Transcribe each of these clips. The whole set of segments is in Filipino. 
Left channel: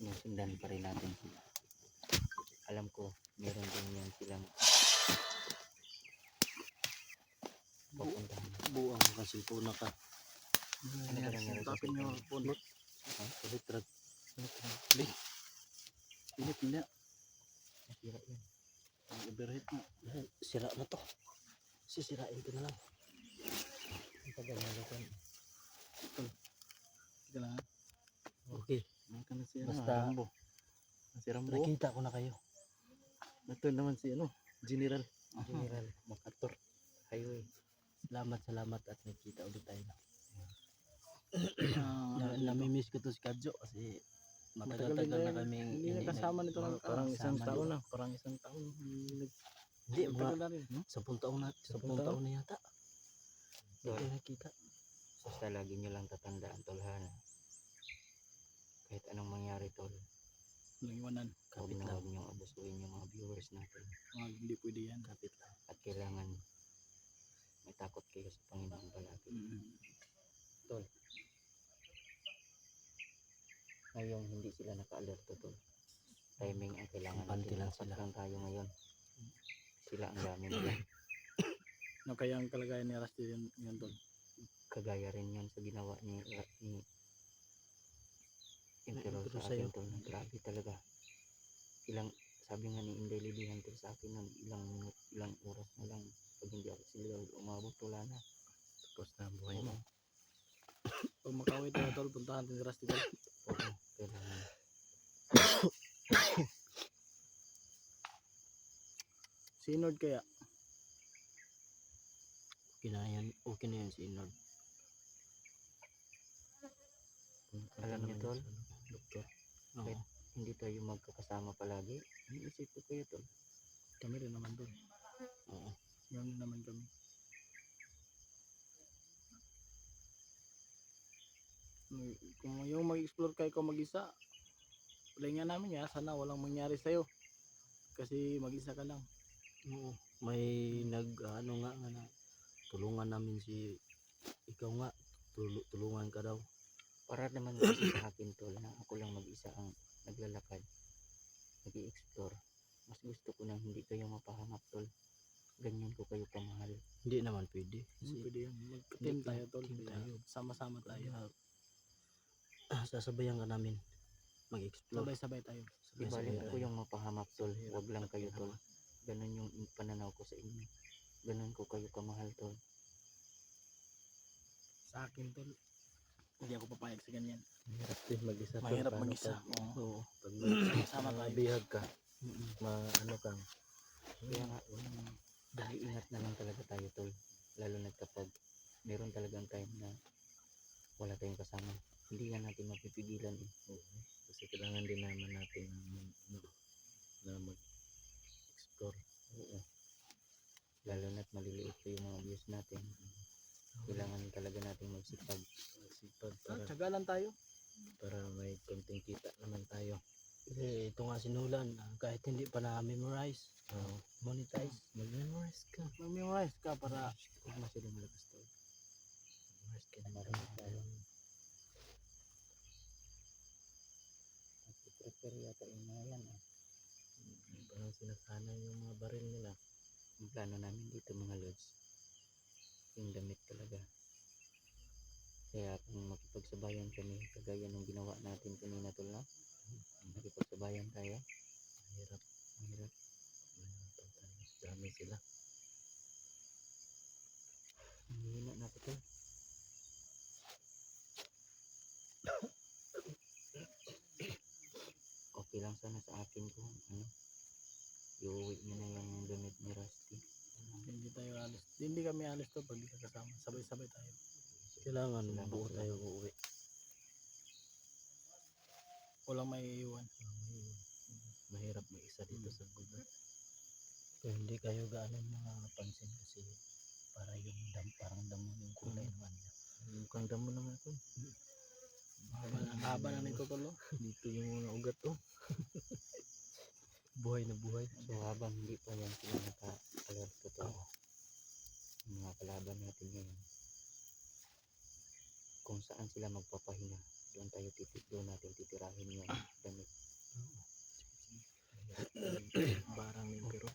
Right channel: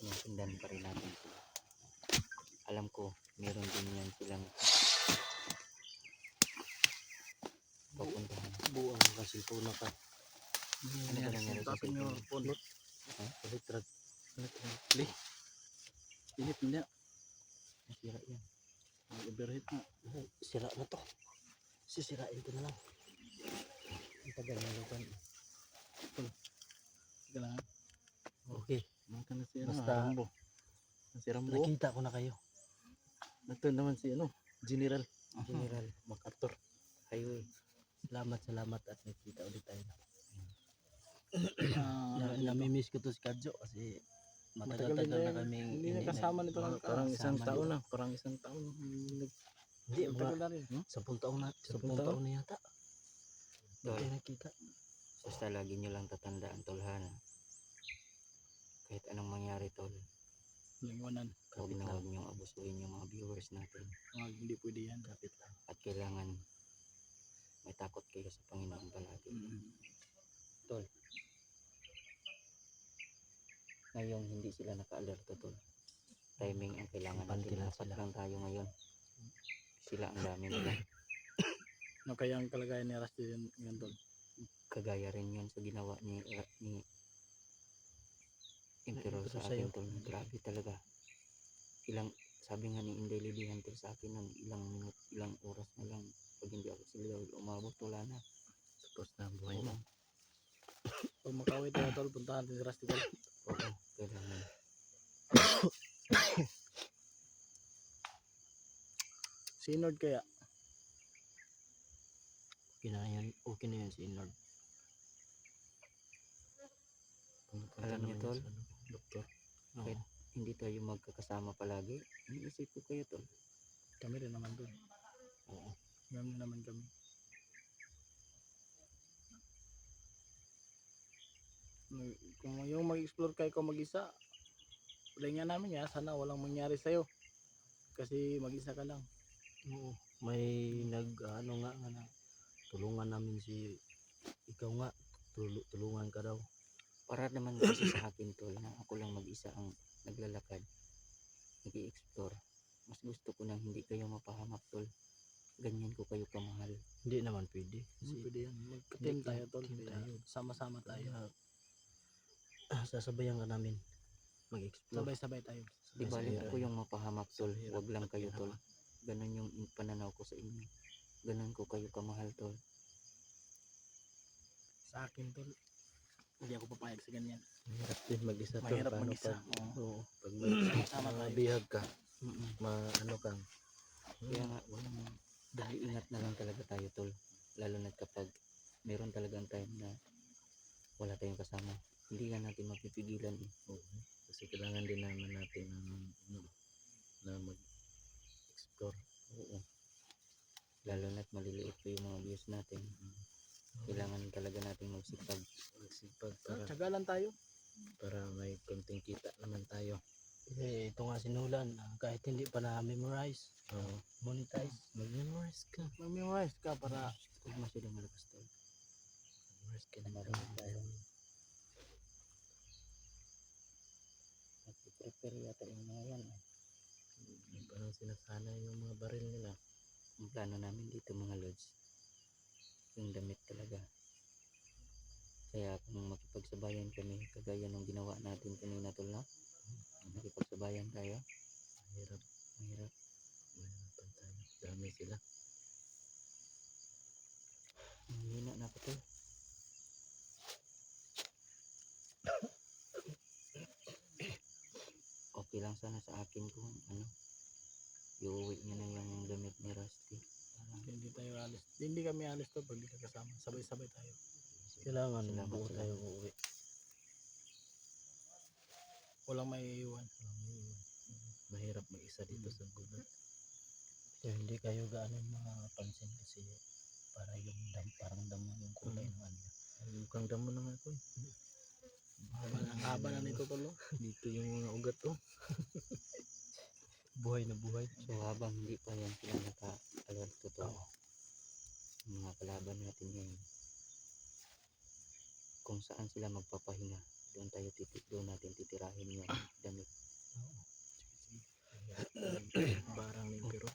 Sinusundan pa rin natin sila. Alam ko, meron din yan silang papuntahan. Buang kasi po naka. Tapin nyo punot. Electric. Init niya. Nasira yan. Overheat na. Sira na to. Sisirain ko na lang. Ang tagal na lutan. Sige lang. Okay. Maka nasira. Basta Nasira mo. nakita ko na kayo. Ito naman si General. General MacArthur. Highway. Salamat at nakita ulit tayo. Namimiss ko to si Kadjo kasi matagal-tagal na kaming hindi nakasama nito ng parang isang taon na. Parang isang taon. Hindi, Tagal na rin. 10 taon na. 10 taon na yata. Hindi tayo nakita. Basta lagi nyo lang tatandaan, tolhan. Kahit anong mangyari, tol. Walang iwanan. Huwag na huwag nyo abusuin yung mga viewers natin. Hindi pwede yan. Kapit lang. At kailangan may takot kayo sa Panginoon palagi. Tol. Ngayon, hindi sila naka-alerto, tol. Timing ang kailangan natin. Dapat lang tayo ngayon. Sila ang dami nila. No, kaya ang kalagayan ni Rusty yun tol. Kagaya rin yun sa ginawa ni Emperor sa akin, tol. Grabe talaga. Sabi nga ni Inday Lilihan tol sa akin ng ilang oras na lang. Pag hindi ako sila umabot, wala na. Tapos na ang buhay mo. Pag makawit tayo tol, puntahan natin si Rusty tol. Oo, kailangan. Si Inord kaya? Okay na yan si Inord. Alam niyo, tol, Doktor. kahit hindi tayo magkakasama palagi, iniisip ko kayo, tol. Kami rin naman tol. Oo. Kami naman kami. Kung yung mag-explore kayo kung mag-isa, palingan namin ya, sana walang mangyari sa'yo. Kasi mag-isa ka lang. Oo, may na tulungan namin si ikaw nga, tulungan ka daw. Para naman kasi sa akin, tol, na ako lang mag-isa ang naglalakad, nag-i-explore. Mas gusto ko nang hindi kayo mapahamak, tol. Ganyan ko kayo kamahal. Hindi naman pwede. Pwede yan. Mag-team tayo, tol. Sama-sama tayo. Sasabayan ka namin. Mag-explore. Sabay-sabay tayo. Di balik ko yung mapahamak, tol. Huwag lang kayo, tol. Ganun yung pananaw ko sa inyo. Ganun ko kayo kamahal, tol. Sa akin, tol, hindi ako papayag sa ganyan. Mahirap din mag-isa, tol. Mahirap mag-isa. Oo. Pag sama tayo. Bihag ka. Ano kang. Kaya nga, dahil ingat na lang talaga tayo, tol. Lalo na kapag meron talagang time na wala tayong kasama. Hindi nga natin mapipigilan eh. Kasi kailangan din naman natin na mag-explore. Oo. Lalo na't maliliit pa yung mga views natin. Kailangan talaga natin magsipag. Para tsagalan tayo. Para may konting kita naman tayo. Kasi ito nga sinulan, kahit hindi pa na-memorize, monetize. Mag-memorize ka para Huwag na sila malakas tayo. memorize ka na Marami tayo. Prepare yata yung mga yan. Parang sinasanay yung mga baril nila. Ang plano namin dito, mga lods, yung damit talaga. Kaya kung makipagsabayan kami, kagaya ng ginawa natin kanina, tol, no? Nakipagsabayan tayo. Mahirap. Tayo. Dami sila. Hihina na ako, tol. Okay lang sana sa akin kung iuwi niya na yung damit ni Rusty. Hindi tayo alis. Hindi kami alis to pag di ka kasama. Sabay-sabay tayo. Kailangan buo tayo uuwi. Walang may iwan. Mahirap mag-isa dito sa gubat. Kaya hindi kayo gaano makapansin kasi para yung parang damo yung kulay ng ano. kang damo na nga to. Haba na nito tol. Dito yung mga ugat oh. Buhay na buhay. So habang hindi pa yan sila nakakalorto to, mga kalaban natin ngayon, kung saan sila magpapahinga, doon natin titirahin yung damit. Barang yung pero.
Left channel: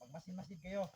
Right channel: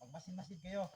Magmasid-masid kayo.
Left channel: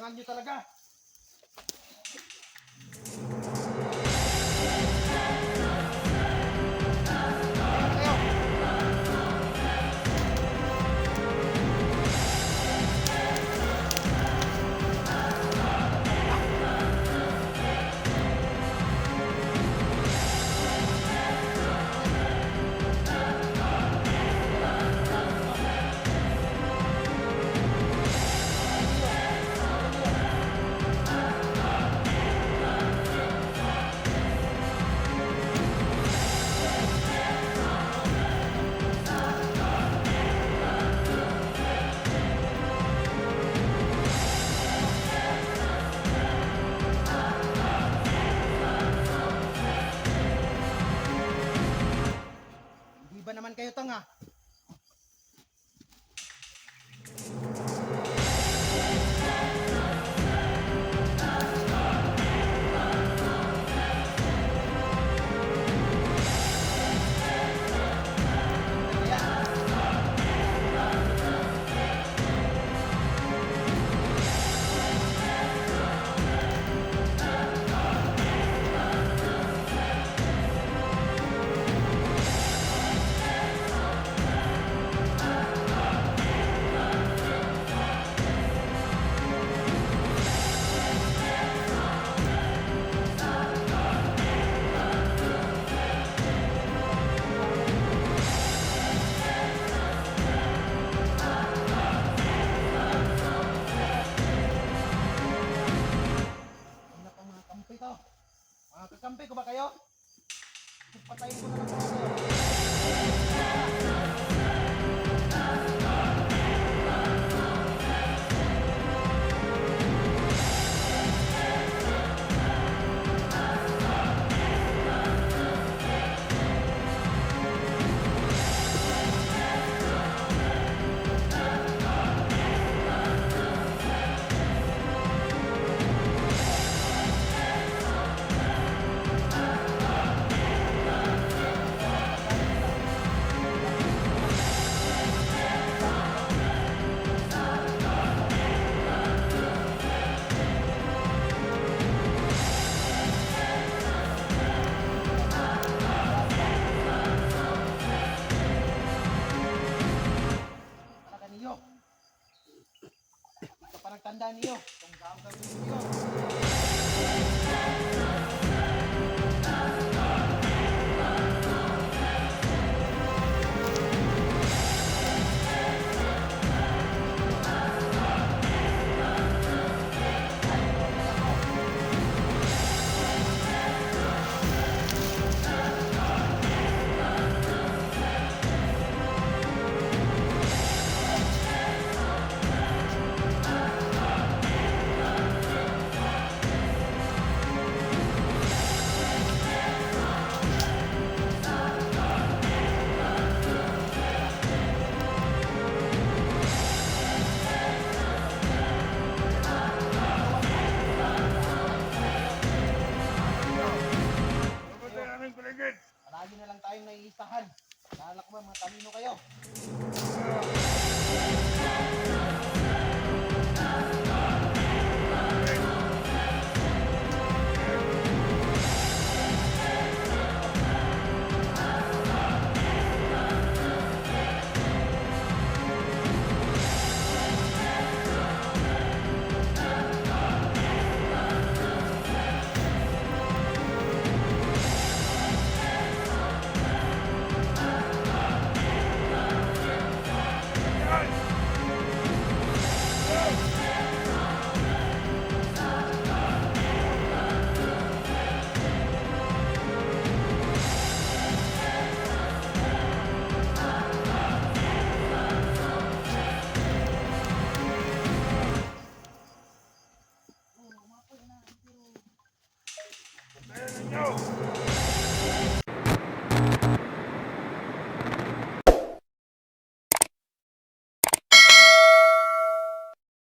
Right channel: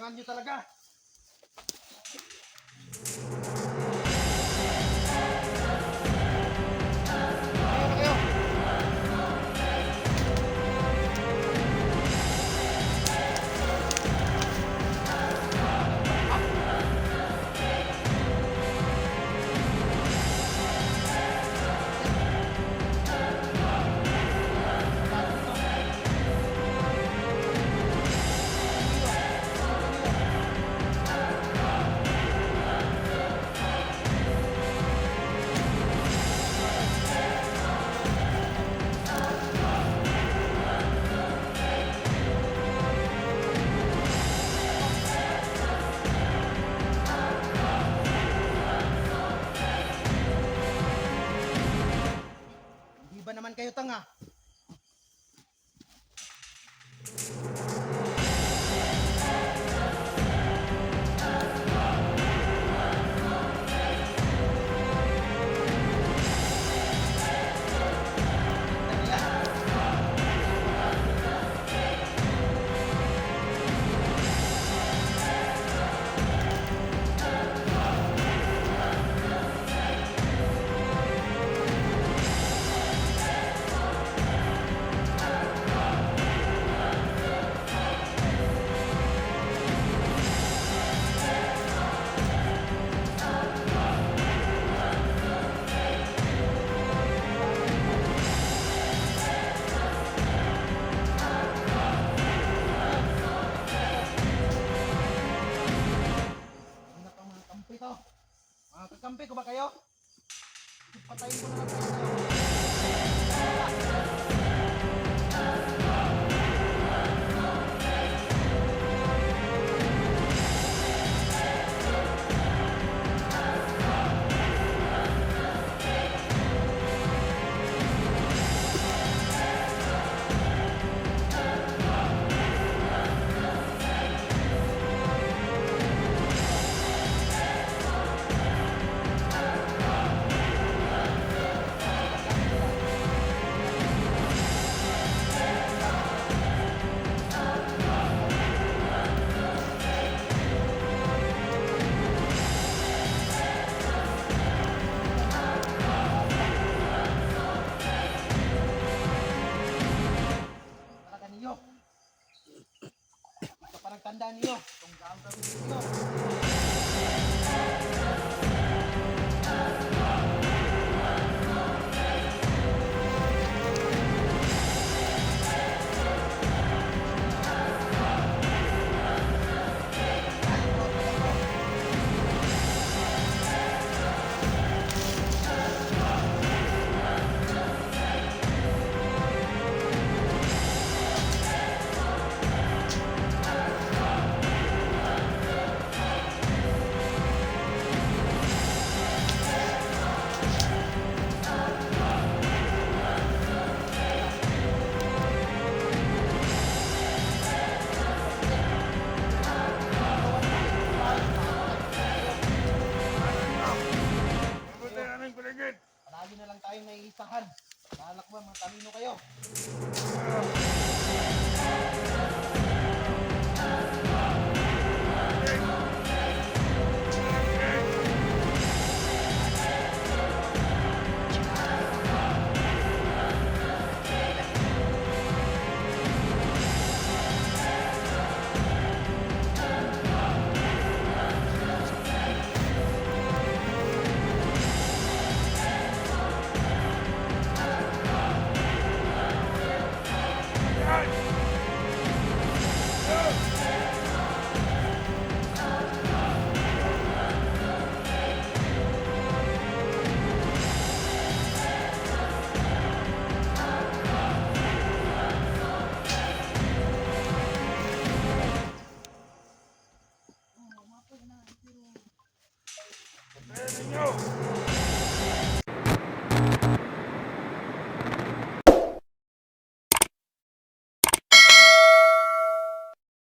Kailangan nyo talaga. Ayaw na kayo. Di ba naman kayo tanga? Under yan. Una pang mga kampi to. Mga kakampi ko ba kayo? Patayin ko na lang kaya kayo. Talaga niyo. Ito pa nagtanda niyo. Itong gagawin niyo. Palagi na lang tayong naiisahan. Naalala ko ba mga talino kayo? Ayan ninyo!